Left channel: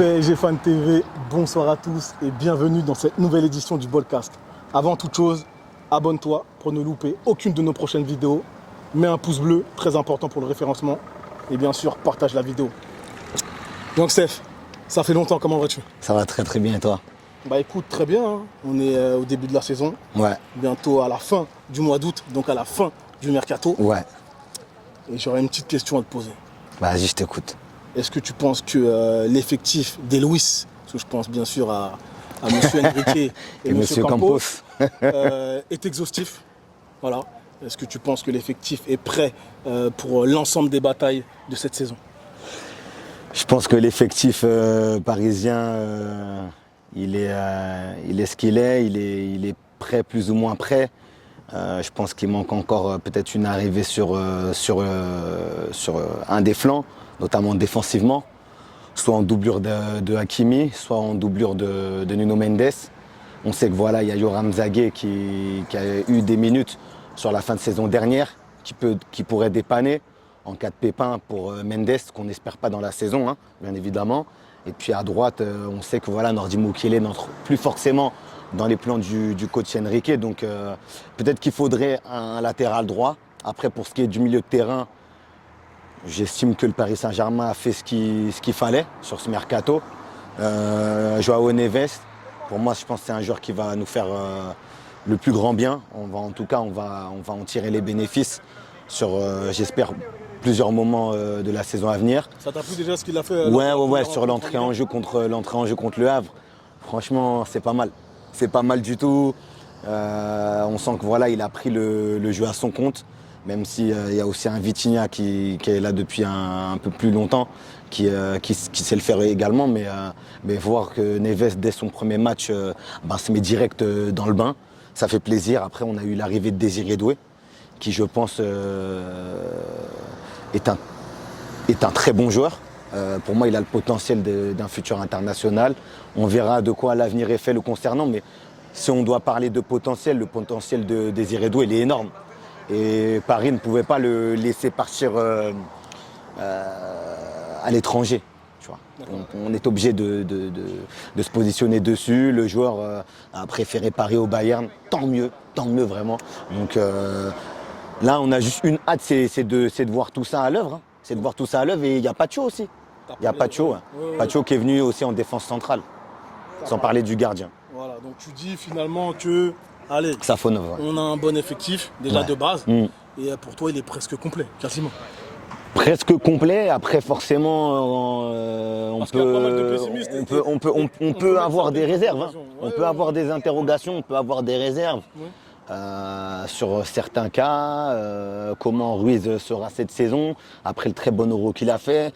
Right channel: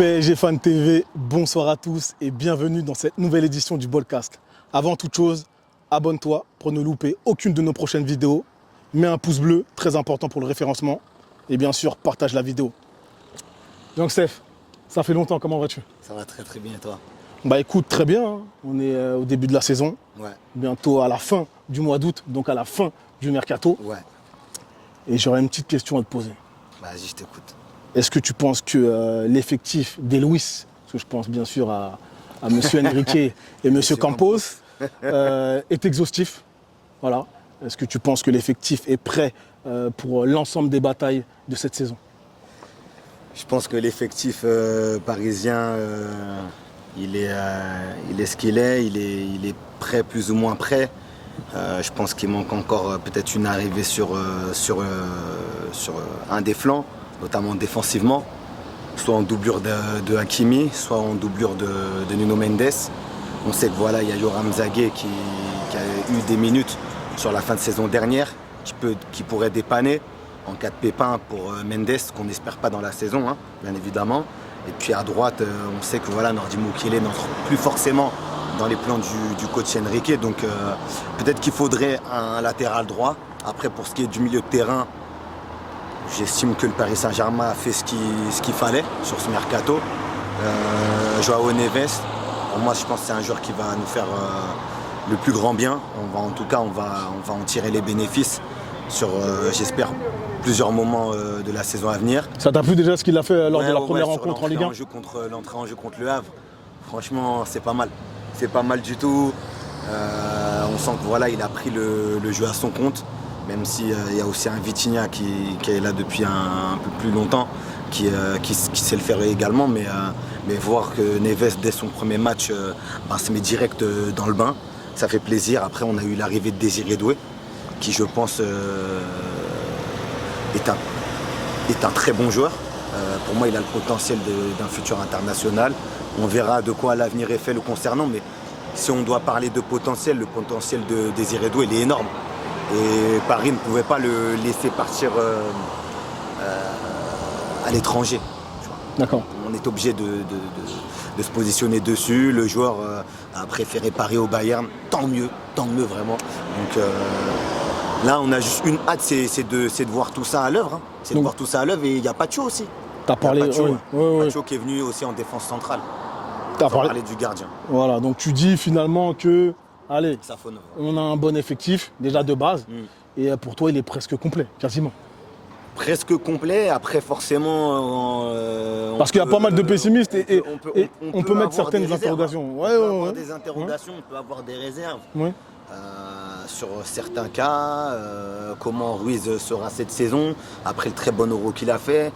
PSG Fan TV, bonsoir à tous et bienvenue dans cette nouvelle édition du Ballcast. Avant toute chose, abonne-toi pour ne louper aucune de nos prochaines vidéos. Mets un pouce bleu, très important pour le référencement. Et bien sûr, partage la vidéo. Donc Steph, ça fait longtemps, comment vas-tu? Ça va très bien et toi? Bah écoute, très bien, hein. On est au début de la saison. Ouais. Bientôt à la fin du mois d'août, donc à la fin du mercato. Ouais. Et j'aurais une petite question à te poser. Vas-y, je t'écoute. Est-ce que tu penses que l'effectif des Luis, parce que je pense bien sûr à M. Enrique et M. Campos, est exhaustif? Voilà. Est-ce que tu penses que l'effectif est prêt pour l'ensemble des batailles de cette saison? Je pense que l'effectif parisien, il est ce qu'il est. Il est prêt, plus ou moins prêt. Je pense qu'il manque encore peut-être une arrivée sur un des flancs, notamment défensivement, soit en doublure de Hakimi, soit en doublure de Nuno Mendes. On sait que voilà, il y a Yoram Zagué qui a eu des minutes sur la fin de saison dernière, qui pourrait dépanner en cas de pépin pour Mendes, qu'on n'espère pas dans la saison, hein, bien évidemment. Et puis à droite, on sait que voilà, Nordi Mukiele n'entre plus forcément dans les plans du coach Enrique. Donc peut-être qu'il faudrait un latéral droit. Après, pour ce qui est du milieu de terrain, j'estime que le Paris Saint-Germain a fait ce qu'il fallait sur ce mercato. Joao Neves, pour moi, je pense que c'est un joueur qui va nous faire le plus grand bien. En tout cas, on va en tirer les bénéfices sur, j'espère, plusieurs moments de la saison à venir. Ça t'a plu déjà ce qu'il a fait lors de la première sur rencontre en l'entrée Ligue 1? en jeu contre le Havre. Franchement, c'est pas mal. C'est pas mal du tout. On sent que voilà, il a pris le jeu à son compte. Même s'il y a aussi un Vitinha qui est là depuis un peu plus longtemps, qui sait le faire également. Mais voir que Neves, dès son premier match, se met direct dans le bain, ça fait plaisir. Après, on a eu l'arrivée de Désiré Doué, qui, je pense, est un très bon joueur. Pour moi, il a le potentiel d'un futur international. On verra de quoi l'avenir est fait le concernant. Mais si on doit parler de potentiel, le potentiel de Désiré Doué, il est énorme. Et Paris ne pouvait pas le laisser partir à l'étranger. D'accord. On est obligé de se positionner dessus. Le joueur a préféré Paris au Bayern. Tant mieux vraiment. Donc là, on a juste une hâte, c'est de voir tout ça à l'œuvre. Hein. C'est de voir tout ça à l'œuvre. Et il y a Pacho aussi. T'as parlé de Pacho qui est venu aussi en défense centrale. Sans parler du gardien. Voilà, donc tu dis finalement que, allez, Safonov, ouais. On a un bon effectif, déjà de base, et pour toi, il est presque complet, quasiment. Presque complet, après forcément... Parce qu'il y a pas mal de pessimistes. On peut avoir des réserves. On peut avoir des interrogations, on peut avoir des réserves. Oui. Sur certains cas, comment Ruiz sera cette saison, après le très bon Euro qu'il a fait,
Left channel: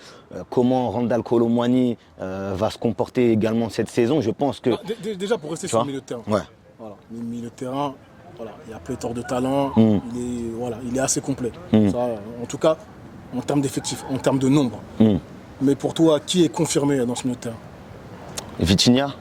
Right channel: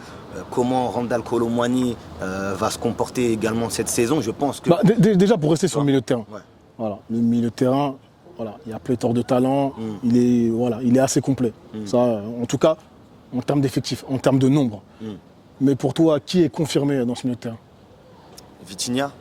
comment Randal Kolo Muani va se comporter également cette saison, je pense que... Déjà pour rester sur le milieu de terrain, ouais. Voilà, le milieu de terrain, voilà, il y a pléthore de talent, il est assez complet. Ça, en tout cas, en termes d'effectifs, en termes de nombre. Mais pour toi, qui est confirmé dans ce milieu de terrain? Vitinha.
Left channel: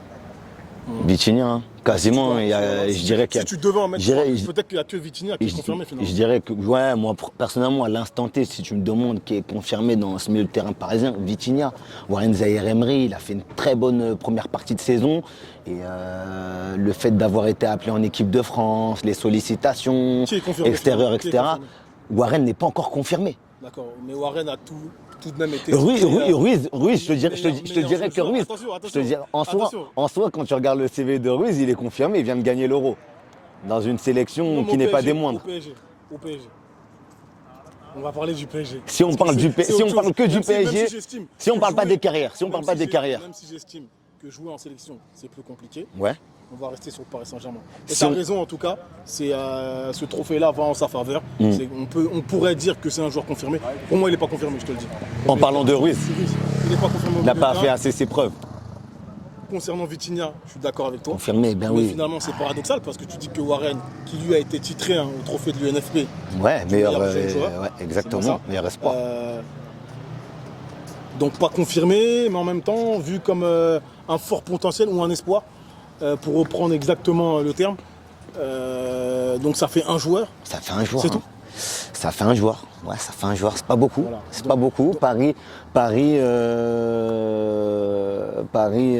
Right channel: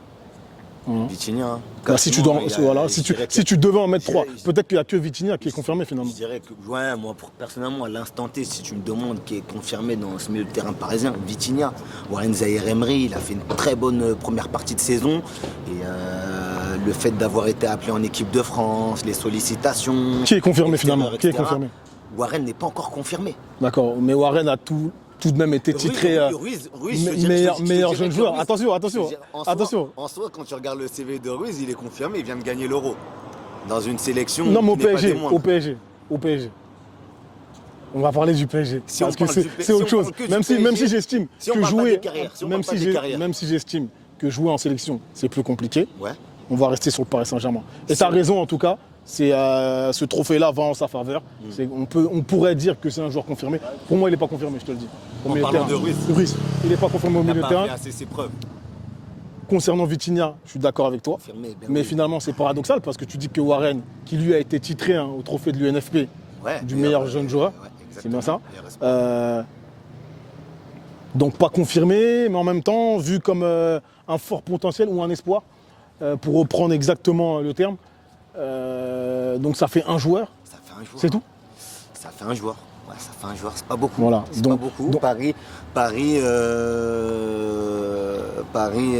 Vitinha, hein. Si tu devais en mettre trois, peut-être qu'il n'y a que Vitinha qui est confirmé finalement. Je dirais que, ouais, moi personnellement, à l'instant T, si tu me demandes qui est confirmé dans ce milieu de terrain parisien, Vitinha. Warren Zaïre-Emery, il a fait une très bonne première partie de saison. Et le fait d'avoir été appelé en équipe de France, les sollicitations, qui est confirmé finalement, etc. Warren n'est pas encore confirmé. D'accord, mais Warren a tout de même été titré. Ruiz, je te dirais que Ruiz. Attention. En soi, quand tu regardes le CV de Ruiz, il est confirmé, il vient de gagner l'Euro. Dans une sélection qui n'est pas des moindres. Au PSG. On va parler du PSG. Si on parle que du PSG, même si j'estime. Si on parle pas des carrières. Même si j'estime que jouer en sélection, c'est plus compliqué. Ouais. On va rester sur le Paris Saint-Germain. Et tu as raison en tout cas, c'est ce trophée-là va en sa faveur. On pourrait dire que c'est un joueur confirmé. Pour moi, il n'est pas confirmé, je te le dis. En parlant de Ruiz, il n'est pas confirmé au milieu de terrain. Il n'a pas fait assez ses preuves. Concernant Vitinha, je suis d'accord avec toi. Confirmé, mais finalement, c'est paradoxal parce que tu dis que Warren, qui lui a été titré au trophée de l'UNFP, du meilleur jeune joueur. Ouais, exactement, meilleur espoir. Donc pas confirmé, mais en même temps, vu comme un fort potentiel ou un espoir, pour reprendre exactement le terme. Donc ça fait un joueur. Ça fait un joueur. C'est tout. Ça fait un joueur. Ouais, ça fait un joueur. C'est pas beaucoup. Voilà. C'est pas beaucoup. Paris Paris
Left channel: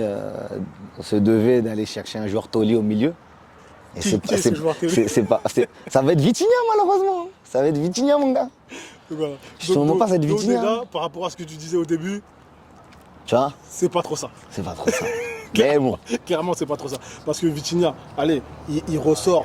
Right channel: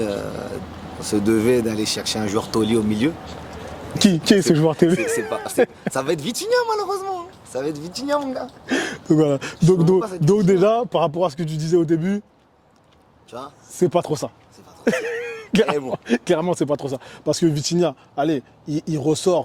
se devait d'aller chercher un joueur taulier au milieu. Qui est ce joueur taulier? Ça va être Vitinha, malheureusement. Ça va être Vitinha, mon gars. Donc, voilà. Sûrement pas, ça va être Donc Vitinha. déjà, par rapport à ce que tu disais au début, Tu vois, c'est pas trop ça. c'est pas trop ça. Mais bon. Clairement, c'est pas trop ça. Parce que Vitinha, allez, il ressort,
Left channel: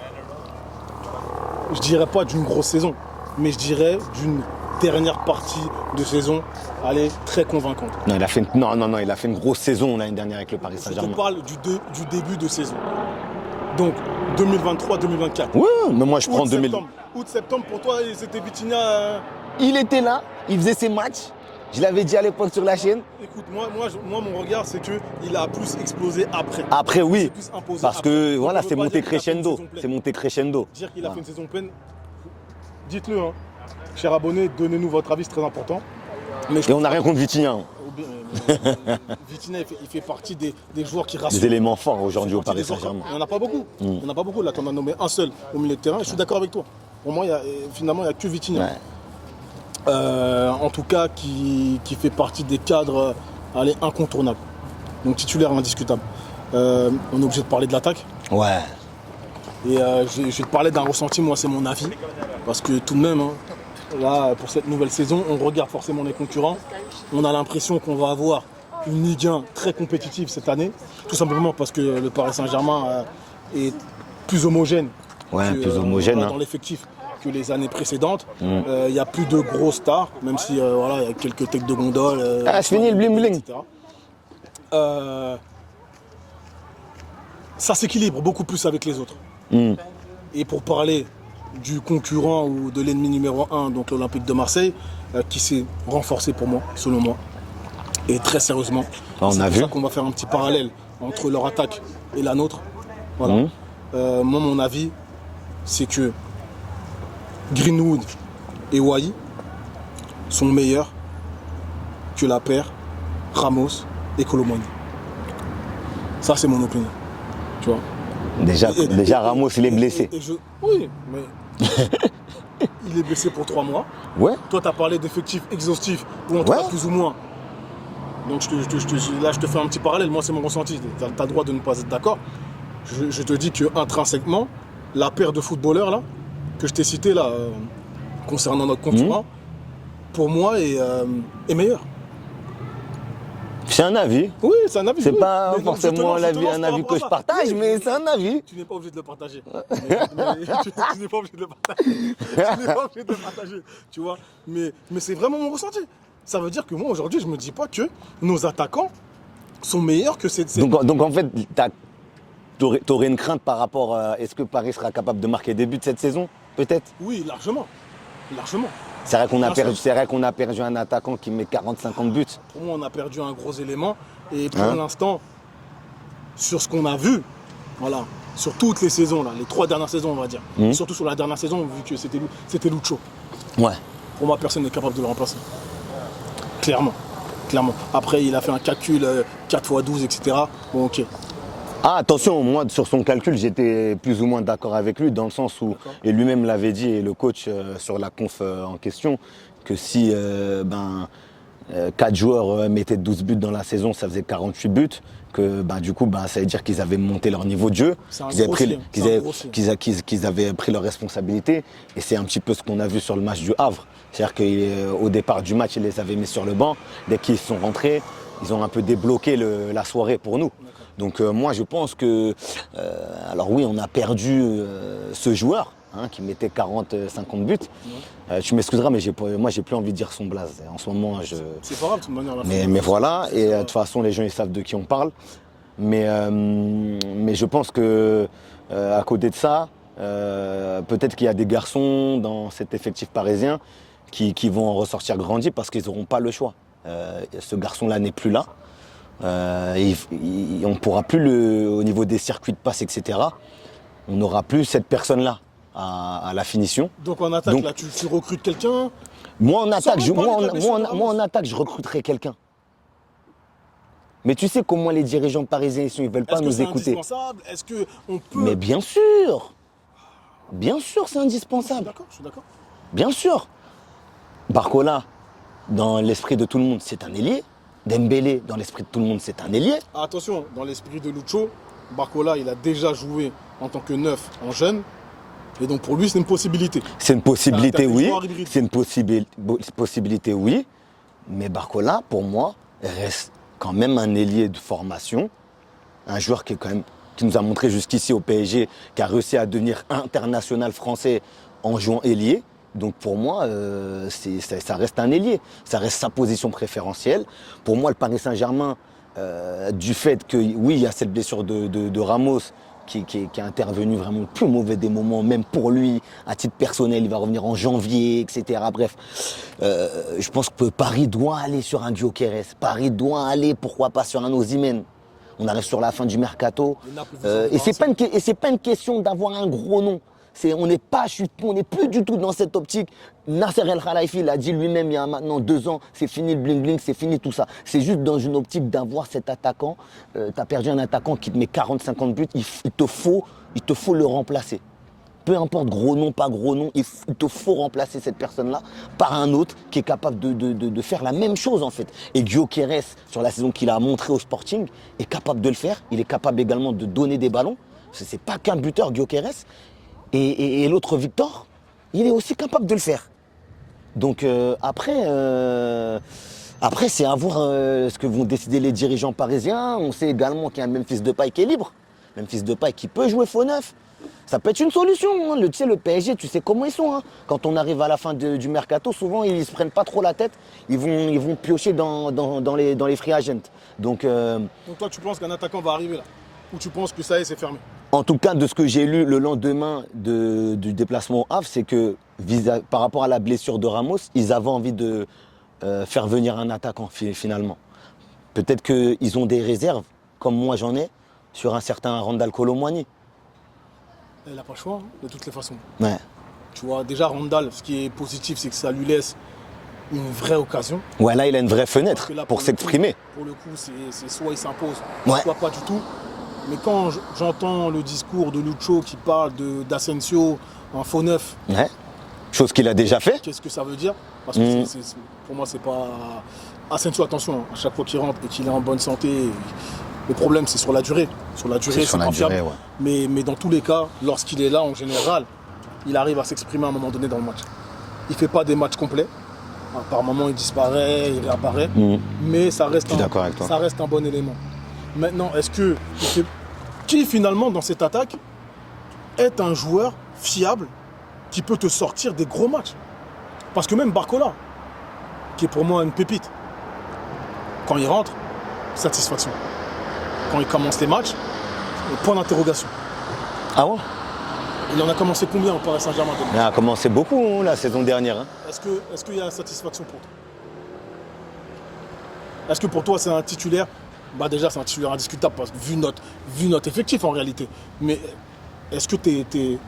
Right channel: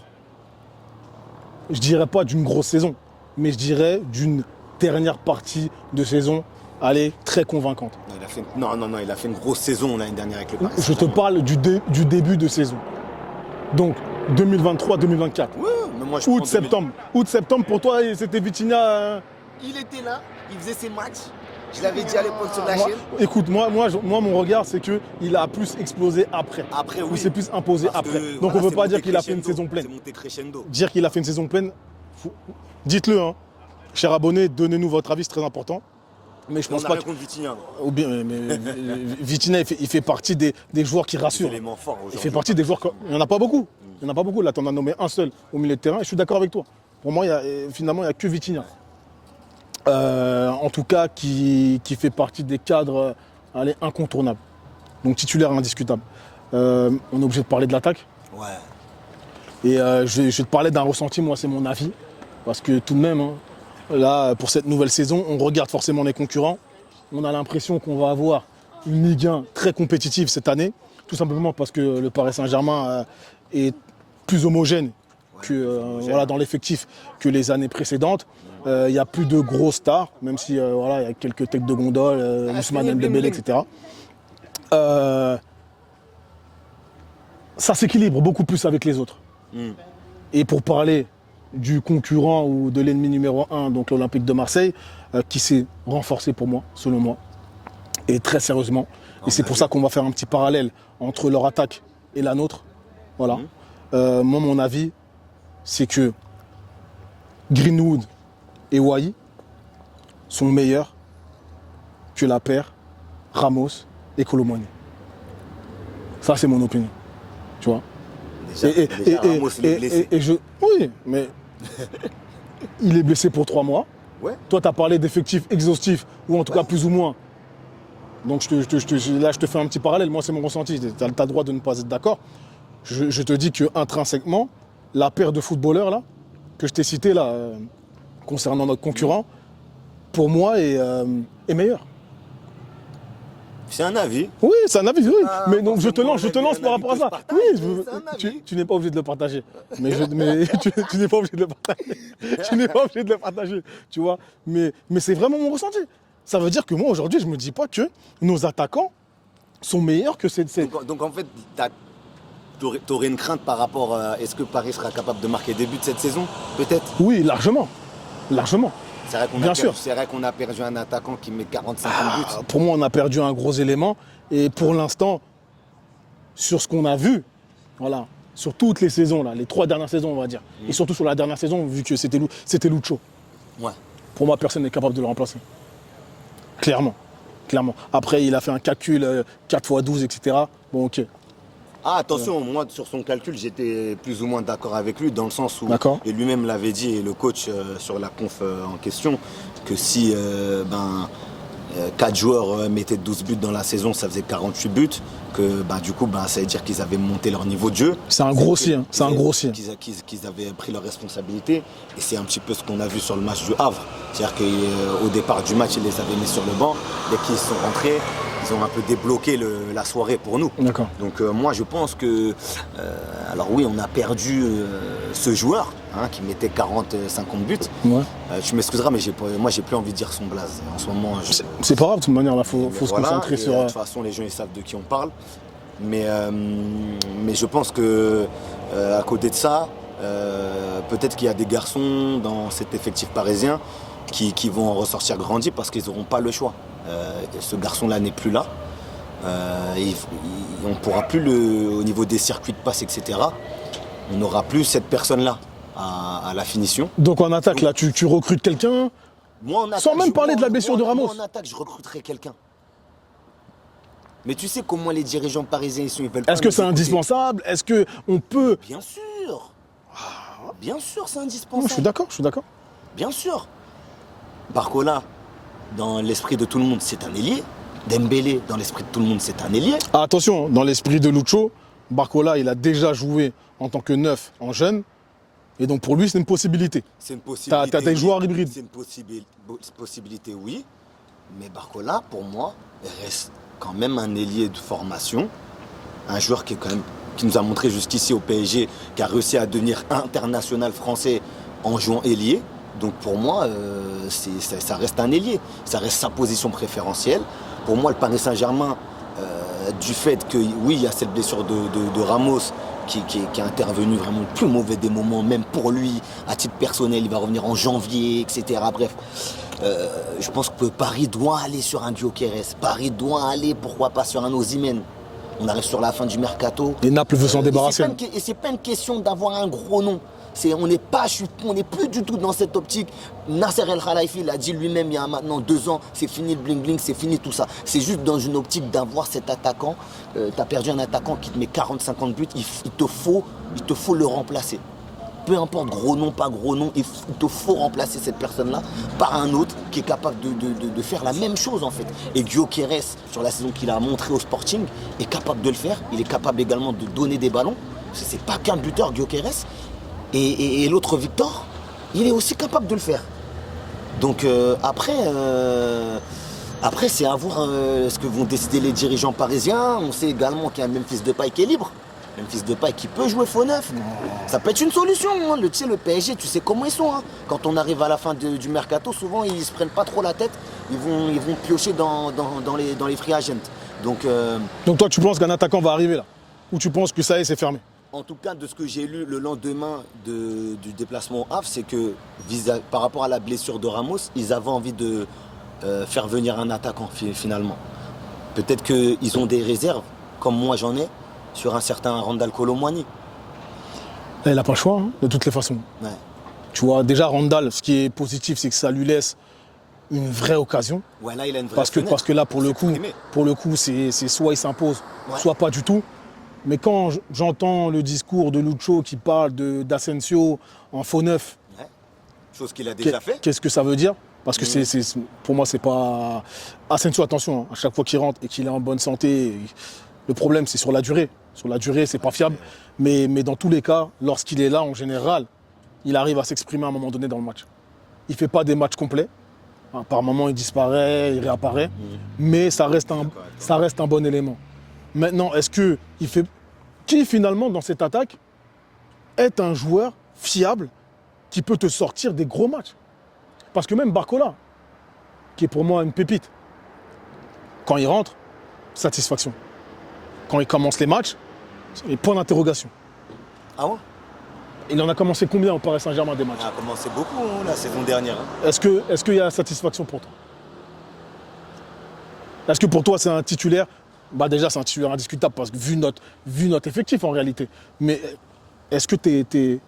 je dirais pas d'une grosse saison, mais je dirais d'une dernière partie de saison, allez, très convaincante. Non, il a fait une grosse saison l'année dernière avec le Paris Je te Saint-Germain. parle du début de saison. Donc, 2023-2024. Ouais, mais moi je prends 2000. Août-septembre. Août-septembre, pour toi, c'était Vitinha. Il était là, il faisait ses matchs. Je l'avais dit à l'époque sur la chaîne. Écoute, moi, mon regard, c'est qu'il a plus explosé après. Après, oui. Il s'est plus imposé Parce après. que Donc, voilà, on ne c'est peut pas monté dire qu'il a fait une crescendo. saison pleine. C'est monté crescendo. Dire qu'il a fait une saison pleine, dites-le, hein. Chers abonnés, donnez-nous votre avis, c'est très important. Mais je Et pense on n'a pas rien contre Vitinha. Ou bien, Vitinha, il fait partie des joueurs qui rassurent. Des éléments forts Il fait aujourd'hui. au partie des Paris joueurs. Saint-Germain. Il n'y en a pas beaucoup. Il n'y en a pas beaucoup. Là, tu en as nommé un seul au milieu de terrain. Et je suis d'accord avec toi. Pour moi, finalement, il n'y a que Vitinha. Ouais. En tout cas, qui fait partie des cadres allez, incontournables. Donc titulaire indiscutable. On est obligé de parler de l'attaque. Ouais. Et je vais te parler d'un ressenti, moi c'est mon avis. Parce que tout de même, hein, là, pour cette nouvelle saison, on regarde forcément les concurrents. On a l'impression qu'on va avoir une Ligue 1 très compétitive cette année. Tout simplement parce que le Paris Saint-Germain est plus homogène. Ouais, plus homogène, Voilà, hein. dans l'effectif que les années précédentes. Il n'y a plus de grosses stars, même si voilà, il y a quelques têtes de gondole, Ah, c'est fini le Ousmane Dembélé, bling-bling. etc. Ça s'équilibre beaucoup plus avec les autres. Et pour parler du concurrent ou de l'ennemi numéro 1, donc l'Olympique de Marseille, qui s'est renforcé pour moi, selon moi, et très sérieusement. On Et c'est a pour vu. ça qu'on va faire un petit parallèle entre leur attaque et la nôtre. Voilà. Moi, mon avis, c'est que Greenwood et Wai sont meilleurs que la paire Ramos et Colomani. Ça, c'est mon opinion. Tu vois. Déjà, Ramos, il est blessé. Oui, mais il est blessé pour 3 mois. Ouais. Toi, tu as parlé d'effectifs exhaustifs, ou en tout Ouais. cas plus ou moins. Donc là, je te fais un petit parallèle. Moi, c'est mon ressenti. Tu as le droit de ne pas être d'accord. Je te dis qu'intrinsèquement, la paire de footballeurs là, que je t'ai cité là, concernant notre concurrent, pour moi, est meilleure. C'est un avis. Oui, c'est un avis. C'est Oui. pas Mais donc, je te forcément lance un par avis rapport à que ça. je partage, Oui, mais c'est un avis. Tu n'es pas obligé de le partager. Mais tu n'es pas obligé de le partager. Tu n'es pas obligé de le partager. Tu vois. Mais c'est vraiment mon ressenti. Ça veut dire que moi, aujourd'hui, je ne me dis pas que nos attaquants sont meilleurs que cette. Donc en fait, tu aurais une crainte par rapport à est-ce que Paris sera capable de marquer des buts cette saison, peut-être? Oui, largement. Largement. C'est vrai qu'on Bien a, sûr. perdu un attaquant qui met 40-50 buts. Pour moi, on a perdu un gros élément. Et pour l'instant, sur ce qu'on a vu, voilà, sur toutes les saisons, là, les 3 dernières saisons, on va dire, et surtout sur la dernière saison, vu que c'était Lucho. Ouais. Pour moi, personne n'est capable de le remplacer. Clairement. Clairement. Après, il a fait un calcul 4 x 12, etc. Bon, ok. Ah, attention, moi, sur son calcul, j'étais plus ou moins d'accord avec lui, dans le sens où, D'accord. et lui-même l'avait dit, et le coach sur la conf en question, que si 4 joueurs mettaient 12 buts dans la saison, ça faisait 48 buts, que du coup, ça veut dire qu'ils avaient monté leur niveau de jeu. C'est un Qu'ils avaient gros pris- si, hein. qu'ils C'est un avaient- gros si. qu'ils avaient pris leurs responsabilités, et c'est un petit peu ce qu'on a vu sur le match du Havre. C'est-à-dire qu'au départ du match, ils les avaient mis sur le banc, dès qu'ils sont rentrés, ils ont un peu débloqué la soirée pour nous. D'accord. Donc moi je pense que, alors oui on a perdu ce joueur qui mettait 40-50 buts. Ouais. Tu m'excuseras mais moi j'ai plus envie de dire son blaze. En ce moment C'est pas grave, de toute manière, là, mais faut se voilà, concentrer et sur. de toute façon les gens ils savent de qui on parle. Mais je pense que à côté de ça, peut-être qu'il y a des garçons dans cet effectif parisien qui vont en ressortir grandis parce qu'ils n'auront pas le choix. Ce garçon-là n'est plus là. On ne pourra plus, au niveau des circuits de passe, etc., on n'aura plus cette personne-là à la finition. Donc en attaque, Donc- là, tu recrutes quelqu'un. Moi, en attaque, même parler de la blessure de Ramos. moi, en attaque, je recruterai quelqu'un. Mais tu sais comment les dirigeants parisiens ils sont, ils veulent pas Est-ce que nous c'est écouter. indispensable? Est-ce qu'on peut. Mais bien sûr. Bien sûr, c'est Non, indispensable. je suis d'accord, je suis d'accord. Bien sûr. Barcola, dans l'esprit de tout le monde, c'est un ailier. Dembélé, dans l'esprit de tout le monde, c'est un ailier. Ah, attention, dans l'esprit de Lucho, Barcola, il a déjà joué en tant que neuf en jeune. Et donc pour lui, c'est une possibilité. C'est une possibilité, T'as des oui. joueurs hybrides. C'est une possibilité, oui. Mais Barcola, pour moi, reste quand même un ailier de formation. Un joueur qui nous a montré jusqu'ici au PSG, qui a réussi à devenir international français en jouant ailier. Donc pour moi, ça reste un ailier. Ça reste sa position préférentielle. Pour moi, le Paris Saint-Germain, du fait que, oui, il y a cette blessure de Ramos qui est intervenue vraiment le plus mauvais des moments, même pour lui, à titre personnel, il va revenir en janvier, etc. Bref, je pense que Paris doit aller sur un Gyökeres. Paris doit aller, pourquoi pas, sur un Osimhen. On arrive sur la fin du mercato. Et Naples veut s'en débarrasser. Et c'est pas une question d'avoir un gros nom. On n'est plus du tout dans cette optique. Nasser El Khelaifi l'a dit lui-même il y a maintenant 2 ans, c'est fini le bling-bling, c'est fini tout ça. C'est juste dans une optique d'avoir cet attaquant. Tu as perdu un attaquant qui te met 40-50 buts, il te faut le remplacer. Peu importe gros nom, pas gros nom, il te faut remplacer cette personne-là par un autre qui est capable de faire la même chose en fait. Et Gyökeres, sur la saison qu'il a montré au Sporting, est capable de le faire. Il est capable également de donner des ballons. C'est pas qu'un buteur, Gyökeres. Et l'autre Victor, il est aussi capable de le faire. Donc après, c'est à voir ce que vont décider les dirigeants parisiens. On sait également qu'il y a Memphis Depay qui est libre. Memphis Depay qui peut jouer faux neuf. Ça peut être une solution. Hein. Le PSG, tu sais comment ils sont. Hein. Quand on arrive à la fin du mercato, souvent ils se prennent pas trop la tête. Ils vont piocher dans les free agents. Donc toi, tu penses qu'un attaquant va arriver là? Ou tu penses que ça y est, c'est fermé? En tout cas, de ce que j'ai lu le lendemain du déplacement au Havre, c'est que par rapport à la blessure de Ramos, ils avaient envie de faire venir un attaquant finalement. Peut-être qu'ils ont des réserves, comme moi j'en ai, sur un certain Randal Kolo Muani. Il n'a pas le choix, hein, de toutes les façons. Ouais. Tu vois, déjà Randal, ce qui est positif, c'est que ça lui laisse une vraie occasion. Ouais, là, il a une vraie fenêtre parce que là, pour s'exprimer. Pour le coup, c'est soit il s'impose, Ouais. soit pas du tout. Mais quand j'entends le discours de Lucho qui parle d'Asensio en faux neuf, Ouais. Chose qu'il a déjà fait. qu'est-ce que ça veut dire? Parce que pour moi, c'est pas... Asensio, attention, à chaque fois qu'il rentre et qu'il est en bonne santé, le problème, c'est sur la durée. Sur la durée, c'est pas fiable. Ouais. Mais dans tous les cas, lorsqu'il est là, en général, il arrive à s'exprimer à un moment donné dans le match. Il ne fait pas des matchs complets. Par moment, il disparaît, il réapparaît. Mais ça reste un bon élément. Maintenant, qui finalement dans cette attaque est un joueur fiable qui peut te sortir des gros matchs? Parce que même Barcola, qui est pour moi une pépite, quand il rentre, satisfaction. Quand il commence les matchs, point d'interrogation. Ah ouais? Il en a commencé combien au Paris Saint-Germain de matchs? Il a commencé beaucoup la saison dernière. Hein. Est-ce qu'il y a satisfaction pour toi? Est-ce que pour toi c'est un titulaire? Bah déjà c'est un titulaire indiscutable parce que vu notre effectif en réalité. Mais est-ce que t'es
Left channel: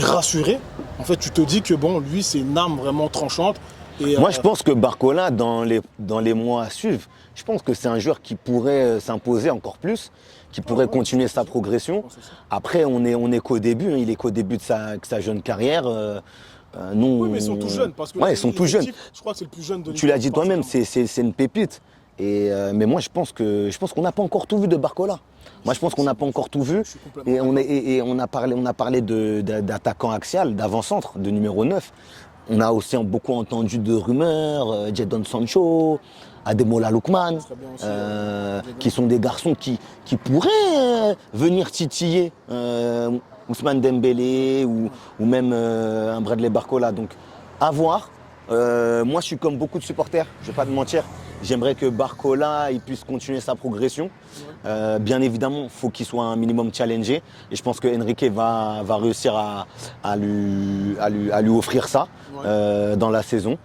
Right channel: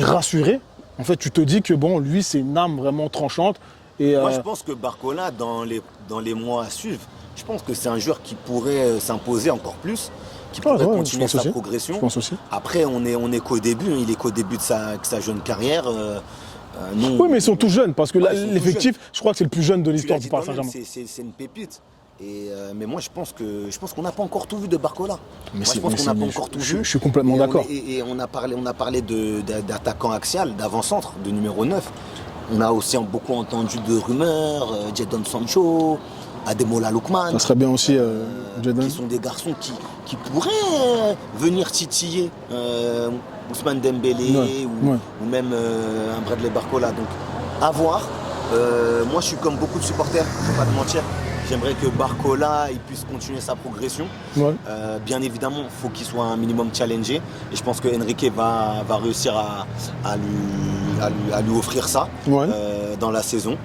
rassuré? En fait tu te dis que bon lui c'est une âme vraiment tranchante. Et, Moi je pense que Barcola dans les mois à suivre, je pense que c'est un joueur qui pourrait s'imposer encore plus, qui pourrait continuer sa progression. Je pense aussi. Après on est qu'au début, il est qu'au début de sa jeune carrière. Oui mais ils sont tous jeunes parce que là ils sont tous l'effectif, jeunes. je crois que c'est le plus jeune de Tu l'histoire. l'as dit toi-même, c'est une pépite. Mais moi, je pense qu'on n'a pas encore tout vu de Barcola. Moi, je pense qu'on n'a pas encore tout vu. Je suis complètement d'accord. Et on a parlé d'attaquant axial, d'avant-centre, de numéro 9. On a aussi beaucoup entendu de rumeurs, Jadon Sancho, Ademola Lookman. Ça serait bien aussi, qui sont des garçons qui pourraient venir titiller Ousmane Dembélé ou même un Bradley Barcola. Donc, à voir. Moi, je suis comme beaucoup de supporters, je ne vais pas te mentir. J'aimerais que Barcola il puisse continuer sa progression. Ouais. Bien évidemment, il faut qu'il soit un minimum challengé. Et je pense que Enrique va réussir à lui offrir ça dans la saison.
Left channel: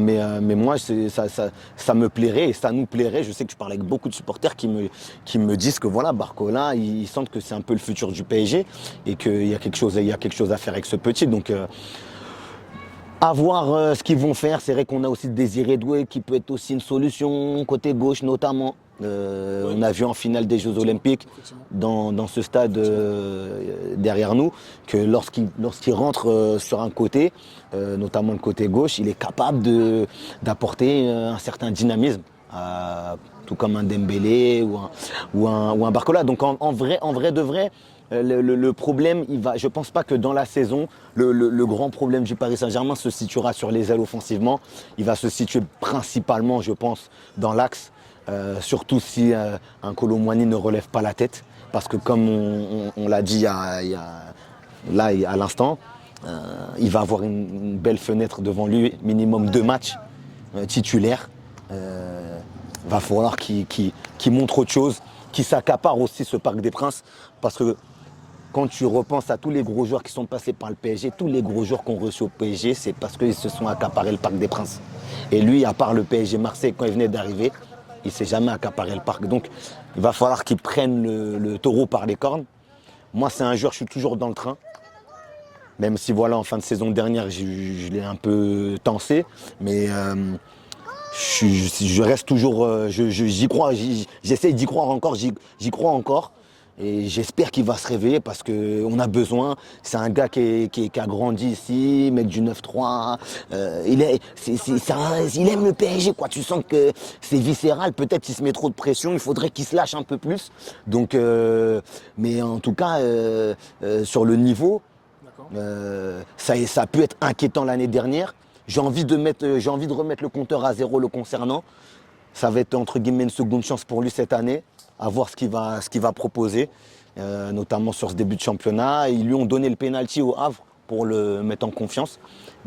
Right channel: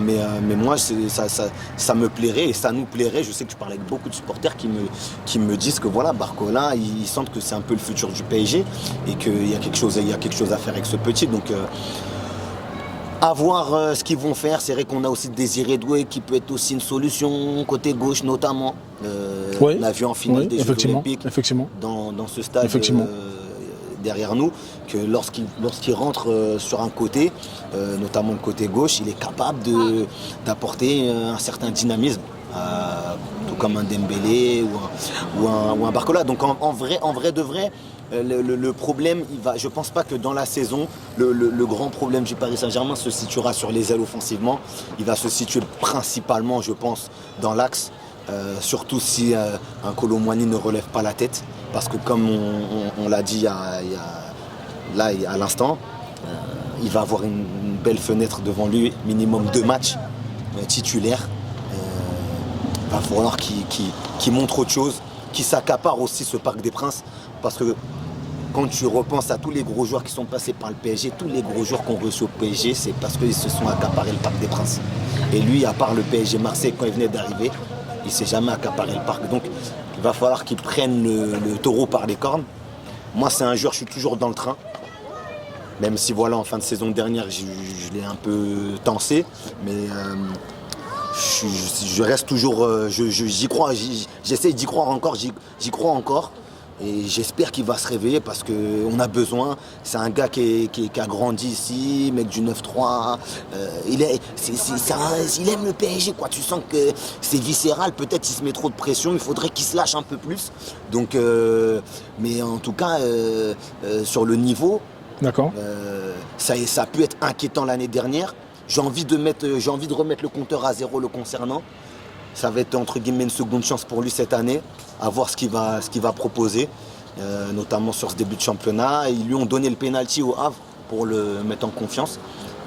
Mais moi, ça me plairait et ça nous plairait. Je sais que je parle avec beaucoup de supporters qui me disent que voilà, Barcola, ils sentent que c'est un peu le futur du PSG et qu'il y a quelque chose à faire avec ce petit. Donc, à voir ce qu'ils vont faire. C'est vrai qu'on a aussi Désiré Doué qui peut être aussi une solution, côté gauche notamment. On a vu en finale des Jeux Olympiques dans ce stade derrière nous, que lorsqu'il rentre sur un côté, notamment le côté gauche, il est capable d'apporter un certain dynamisme. Tout comme un Dembélé ou un Barcola. Donc en vrai de vrai, le problème, je ne pense pas que dans la saison, le grand problème du Paris Saint-Germain se situera sur les ailes offensivement. Il va se situer principalement, je pense, dans l'axe. Surtout si un Kolo Muani ne relève pas la tête. Parce que comme on l'a dit à l'instant, il va avoir une belle fenêtre devant lui, minimum 2 matchs titulaires. Il va falloir qu'il montre autre chose, qu'il s'accapare aussi ce Parc des Princes. Parce que quand tu repenses à tous les gros joueurs qui sont passés par le PSG, tous les gros joueurs qu'on reçu au PSG, c'est parce qu'ils se sont accaparés le Parc des Princes. Et lui, à part le PSG Marseille, quand il venait d'arriver, il ne s'est jamais accaparé le parc. Donc il va falloir qu'il prenne le taureau par les cornes. Moi, c'est un joueur, je suis toujours dans le train. Même si voilà, en fin de saison dernière, je l'ai un peu tensé. Mais je reste toujours, j'y crois, j'essaie d'y croire encore, j'y crois encore. Et j'espère qu'il va se réveiller parce qu'on a besoin. C'est un gars qui a grandi ici, mec du 9-3. Il aime le PSG, quoi. Tu sens que c'est viscéral. Peut-être il se met trop de pression. Il faudrait qu'il se lâche un peu plus. Donc, mais en tout cas, sur le niveau, D'accord. ça a pu être inquiétant l'année dernière. J'ai envie de remettre le compteur à zéro le concernant. Ça va être entre guillemets une seconde chance pour lui cette année, à voir ce qu'il va proposer, notamment sur ce début de championnat. Ils lui ont donné le penalty au Havre pour le mettre en confiance.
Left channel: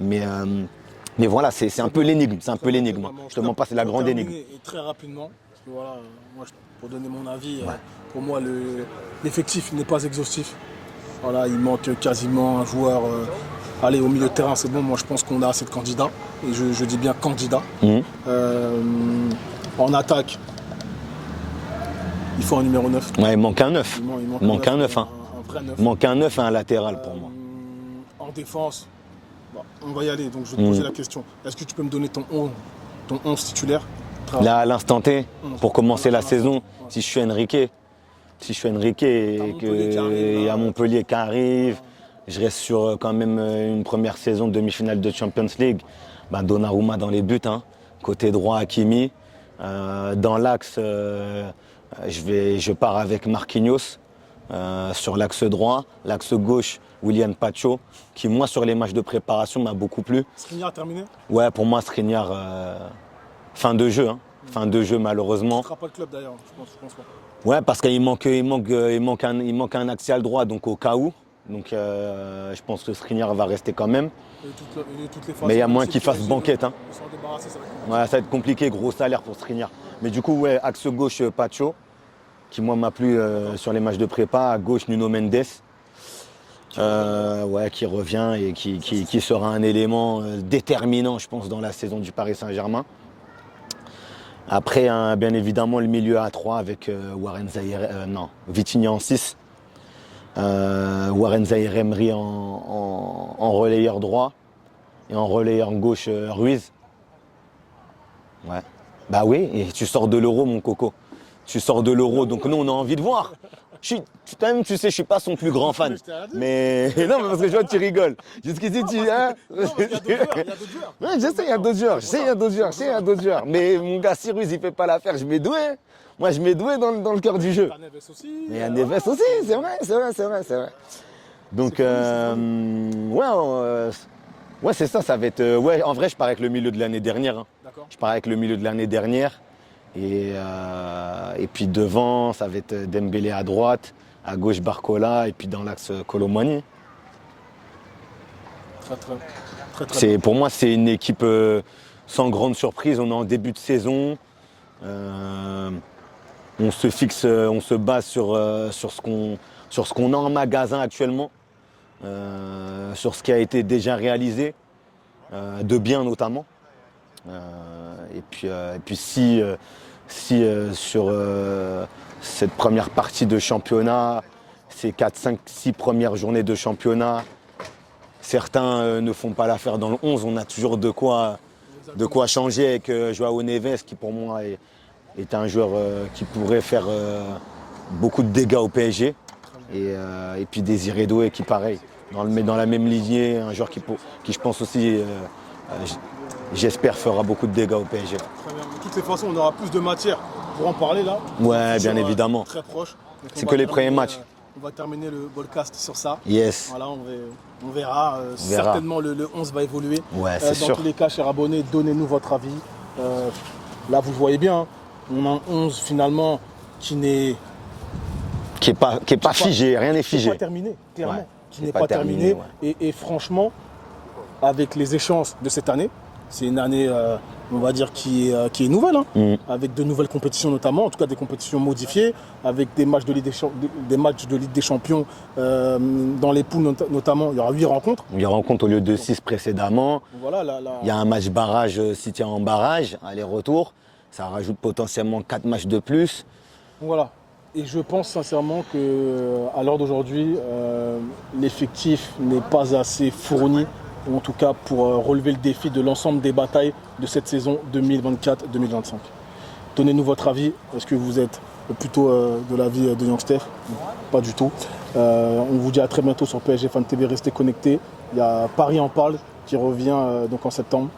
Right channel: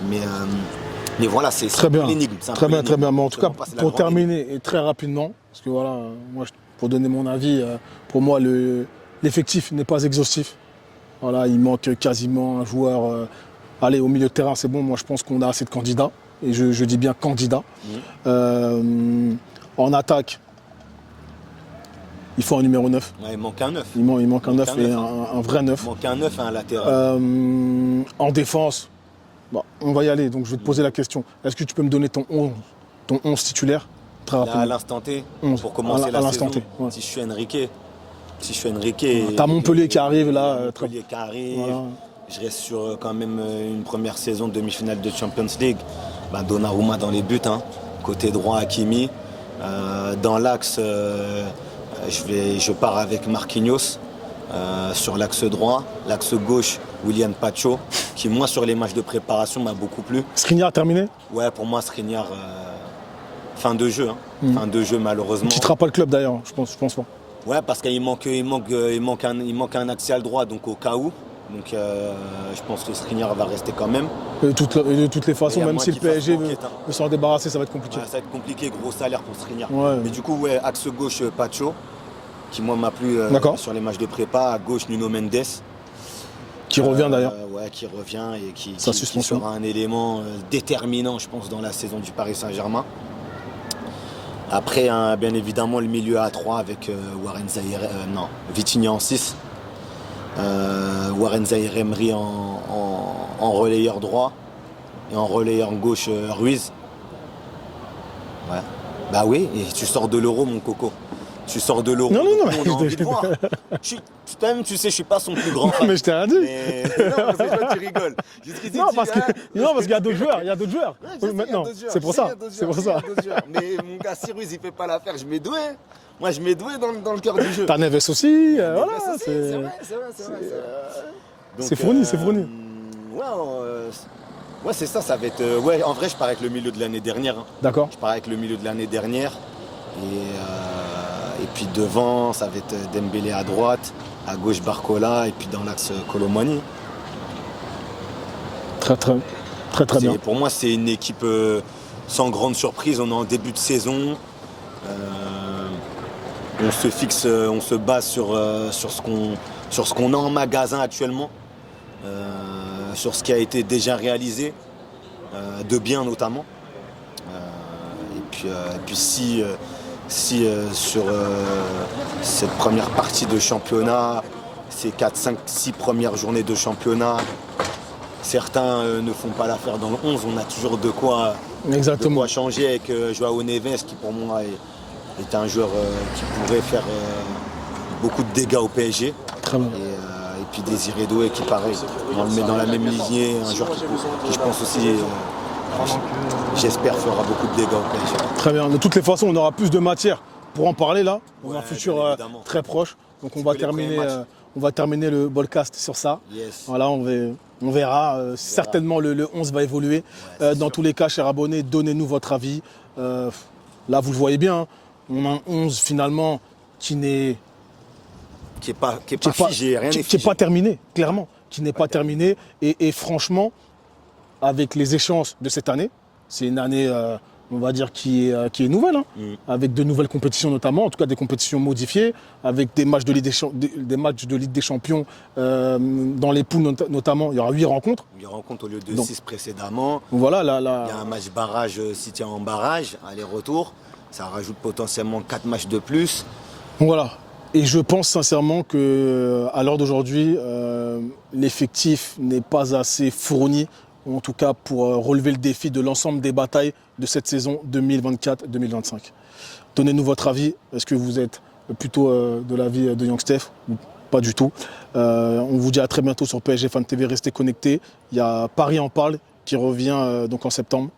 Mais voilà, c'est un peu l'énigme. Très bien. Mais en tout cas, pour terminer énigme. et très rapidement, parce que voilà, moi, pour donner mon avis, pour moi, l'effectif n'est pas exhaustif. Voilà, il manque quasiment un joueur. Allez, au milieu de terrain, c'est bon. Moi, je pense qu'on a assez de candidats. Et je dis bien candidats. En attaque, il faut un numéro 9. Ouais, il manque un 9. Il manque un 9, un vrai 9. Il manque un 9 et un latéral. En défense, bon, on va y aller. Donc, je vais te poser la question. Est-ce que tu peux me donner ton 11 titulaire? Là, à l'instant T, pour commencer la saison, ouais. si je suis Enrique. T'as Montpellier qui arrive là. Il y a Montpellier qui arrive. Voilà. Je reste sur quand même une première saison demi-finale de Champions League. Donnarumma dans les buts, hein. Côté droit, Hakimi. Dans l'axe, je pars avec Marquinhos sur l'axe droit. L'axe gauche, William Pacho, qui moi sur les matchs de préparation m'a beaucoup plu. Skriniar terminé? Ouais, pour moi Skriniar, fin de jeu. Fin de jeu malheureusement. Il quittera pas le club d'ailleurs, je pense pas. Ouais, parce qu'il manque un axial droit, donc au cas où. Donc je pense que Skriniar va rester quand même. De toutes les façons, mais il y a même moins si qu'il le fasse PSG banquette. veut s'en débarrasser, ça va être compliqué. Ouais, ça va être compliqué, gros salaire pour Skriniar. Ouais. Mais du coup, ouais, axe gauche, Pacho, qui moi m'a plu sur les matchs de prépa. À gauche, Nuno Mendes. Qui revient d'ailleurs. Ouais, qui revient et qui suspension. sera un élément déterminant, je pense, dans la saison du Paris Saint-Germain. Après, bien évidemment, le milieu à 3 avec Vitinha en 6. Warren Zaïre-Emery en relayeur droit et en relayeur gauche Ruiz. Ouais. Bah oui, et tu sors de l'Euro, mon coco. Tu sors de l'Euro, donc nous, on a envie de voir. Tu sais, je suis pas son plus grand fan. Mais je t'ai rien dit. Mais non, parce que toi, tu rigoles. Jusqu'ici, Non, parce qu'il y a d'autres joueurs. Il y a d'autres joueurs. Ouais, je sais, il y a d'autres joueurs. C'est pour ça. Il y a d'autres joueurs. Mais mon gars, si Ruiz, il fait pas l'affaire, je mets doué. Moi, je mets doué dans le cœur du jeu. T'as Neves aussi. Neves aussi, c'est vrai. Donc, c'est fourni. Ouais, c'est ça va être. Ouais, en vrai, je pars avec le milieu de l'année dernière. Hein. D'accord. Je pars avec le milieu de l'année dernière. Et puis devant, ça va être Dembélé à droite, à gauche Barcola, et puis dans l'axe Kolo Muani. Très bien. Pour moi, c'est une équipe sans grande surprise. On est en début de saison. On se base sur ce qu'on a en magasin actuellement, sur ce qui a été déjà réalisé, de bien notamment. Et puis si sur cette première partie de championnat, ces 4, 5, 6 premières journées de championnat, certains ne font pas l'affaire dans le 11, on a toujours de quoi changer avec Joao Neves qui pour moi est un joueur qui pourrait faire beaucoup de dégâts au PSG. Très bien. Et puis Désiré Doué qui pareil, on le met dans la même lignée, un joueur qui je pense aussi, j'espère, fera beaucoup de dégâts au PSG. Très bien. De toutes les façons, on aura plus de matière pour en parler là. Ouais, Un futur, bien évidemment. Très proche. Donc, C'est on va que les premiers terminer, matchs. On va terminer le podcast sur ça. Yes. Voilà, on verra. Certainement, le 11 va évoluer. Ouais, c'est dans sûr. tous les cas, chers abonnés, donnez-nous votre avis. Là, vous le voyez bien, hein, on a un 11 finalement qui n'est Qui n'est pas figé, rien n'est qui n'est figé. pas terminé, clairement. Ouais, Qui n'est pas terminé. Et franchement, avec les échéances de cette année, c'est une année, on va dire, qui est nouvelle, hein, avec de nouvelles compétitions notamment, en tout cas des compétitions modifiées, avec des matchs de Ligue des Champions dans les poules notamment. Il y aura 8 rencontres. Il y a rencontre au lieu de 6 précédemment. Voilà, là, Il y a un match barrage, City en barrage, aller-retour. Ça rajoute potentiellement 4 matchs de plus. Voilà. Et je pense sincèrement qu'à l'heure d'aujourd'hui, l'effectif n'est pas assez fourni, ou en tout cas pour relever le défi de l'ensemble des batailles de cette saison 2024-2025. Donnez-nous votre avis. Est-ce que vous êtes plutôt de l'avis de Young Steph ou pas du tout? On vous dit à très bientôt sur PSG Fan TV. Restez connectés. Il y a Paris en parle qui revient donc en septembre.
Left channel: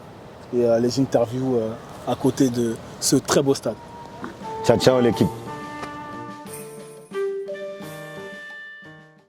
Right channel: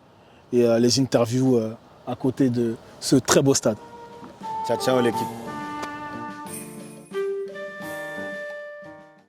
Et les interviews à côté de ce très beau stade. Ciao, ciao l'équipe.